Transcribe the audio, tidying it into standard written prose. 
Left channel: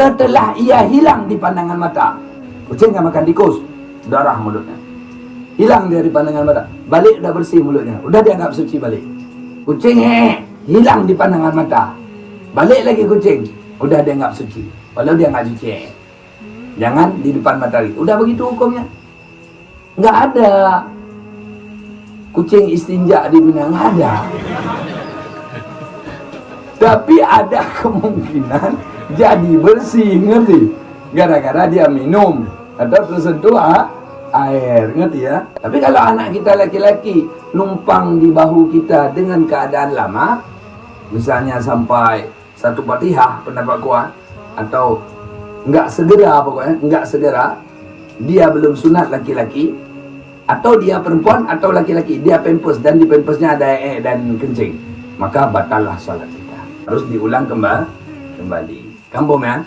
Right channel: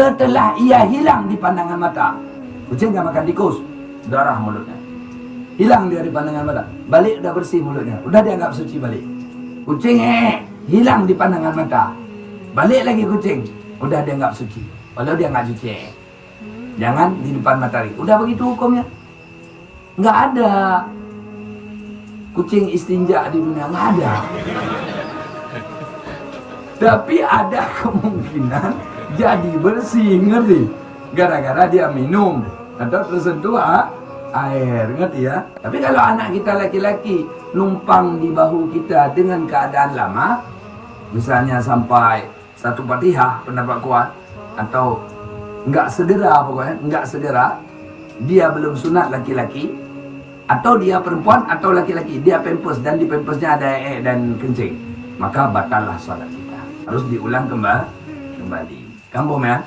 Setelah ia hilang di pandangan mata, kucing yang makan tikus, darah mulutnya hilang dari pandangan mata, balik udah bersih mulutnya, udah dianggap suci balik. Kucing hilang di pandangan mata, balik lagi kucing, udah dianggap suci, padahal dia nggak suci. Jangan di depan matahari, udah begitu hukumnya. Nggak ada kucing istinja di dunia, nggak ada. Tapi ada kemungkinan jadi bersih, ngerti? Gara-gara dia minum atau tersentuh air, ngerti ya? Tapi kalau anak kita laki-laki numpang di bahu kita dengan keadaan lama, misalnya sampai satu Fatihah pendapat kuat, atau nggak segera, pokoknya nggak segera, dia belum sunat laki-laki, atau dia perempuan atau laki-laki, dia pempes dan di pempesnya ada dan kencing, maka batallah salat kita, harus diulang kembali. Kampung ya.